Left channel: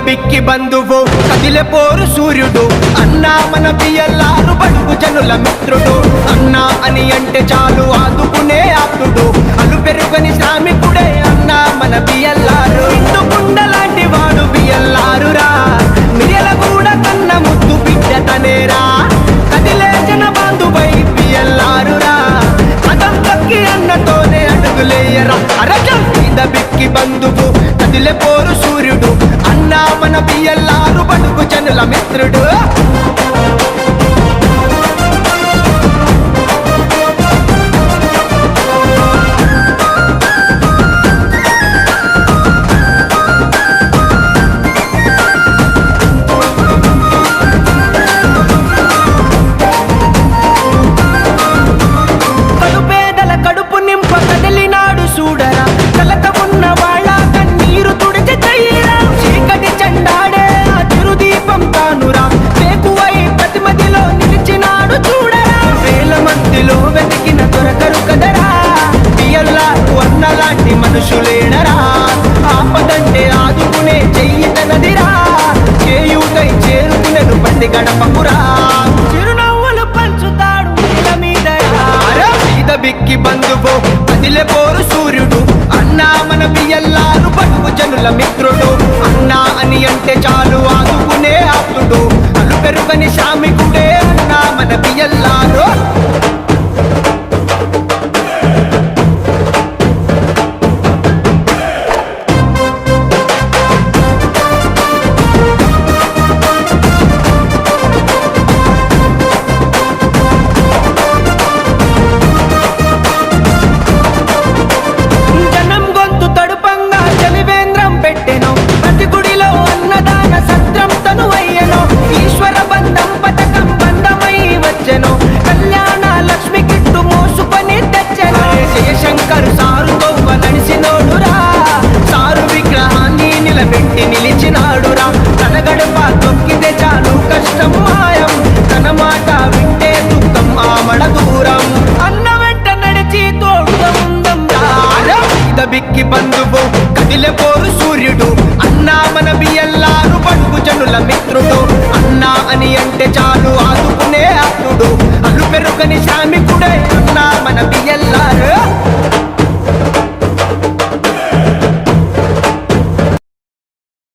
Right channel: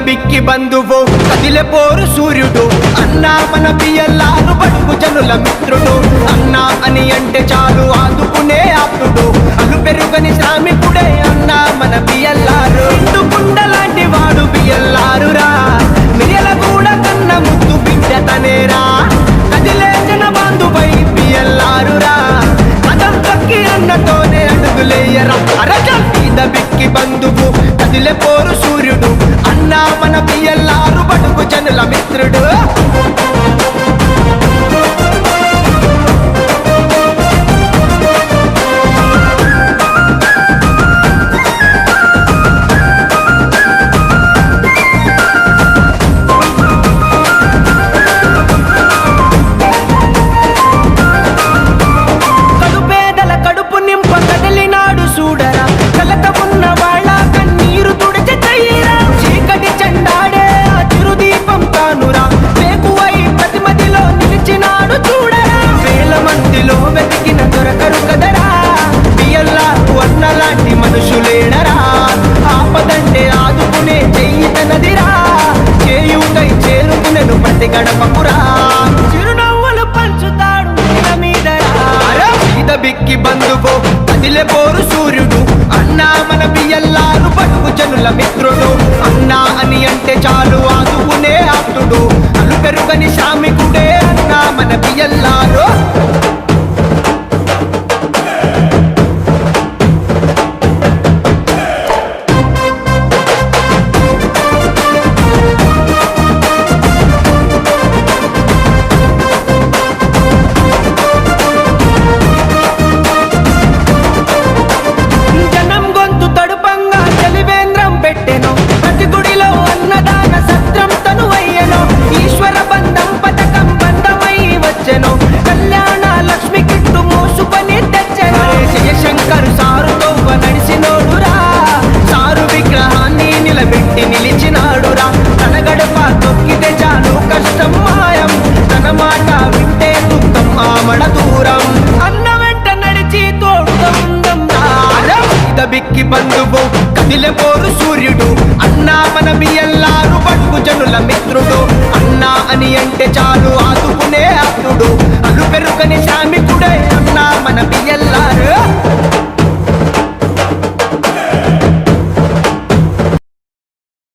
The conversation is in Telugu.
బిక్కి బంధువు కదిలే పోరు సూర్యుడు అన్నా మన బియ్యల్లారు బడుగు జనుల మిత్రుడు అన్నా అని అంటే చాలు ఆదుకునే ఆప్తుడు అలు పెరుగని శ్రామికుడే అన్నా మన బియ్యల్లారు ఇందుకుండ లాంటి వాడు బియ్యల్లారురా మిరియల కూడా కన్న ముద్దు బిడ్డ తనేరా కదిలే జన బంధువై బియ్యల్లారురా కదం తక్కి అన్నతోనే అడుగులేయరా అరచల్ మీద బిక్కి బంధువు కదిలే పోరు సూర్యుడు అన్నా మన బియ్యల్లారు బడుగు జనుల మిత్రుడు చూడరా కలత ఉన్న వాళ్ళ కన్నీరు తుడిచి చెయ్యరా చీకటి చెండాడే ఆ చిరుదీపం తానురా వేకువై ప్రతిమదిలో నిలిచినాడు చూడరా వేల మందిలో వెతికిన దొరకరు కదరా బియ్యల్లాకు అన్నలాంటి మనుషులేడరా ఆపదంటే ఆదుకునే చెయ్యి తనదిరా చేయూతై చేరుకునేను ప్రతి గడపకురా చిరునవ్వులు పంచుతాడు నేల మీదరా బిక్కి బంధువు కదిలే పోరు సూర్యుడు అన్నా మన బియ్యల్లారు బడుగు జనుల మిత్రుడు అన్నా అని అంటే చాలు ఆదుకునే ఆప్తుడు అలు పెరుగని శ్రామికుడే అన్నా మన బియ్యల్లారు పెట్టెను ప్రతి గుడిలో అన్నదాన సత్రం తను అయ్యెను ఈశ్వర బంధం పథకం బంధమై వచ్చెను కళ్యాణ లక్ష్మి కిట్టు మోసుకొని తెచ్చెను జయశంకర్ సారుతో నడిచినోడురా సారు విగ్రహాన్ని నిలబెట్టి నిలిచినాడురా తన గడప తొక్కితే చాలు కష్టం మాయం తన మాట వింటే దుఃఖం ఆమడ దూరం అన్న వెంట నడిచి తోడుగా ఉందం బిక్కి బంధువు కదిలే పోరు సూర్యుడు అన్నా మన బియ్యల్లారు బడుగు జనుల మిత్రుడు అన్నా అని అంటే చాలు ఆదుకునే ఆప్తుడు అలు పెరుగని శ్రామికుడే అన్నా మన బియ్యల్లారు